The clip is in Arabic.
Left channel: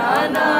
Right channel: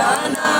জানা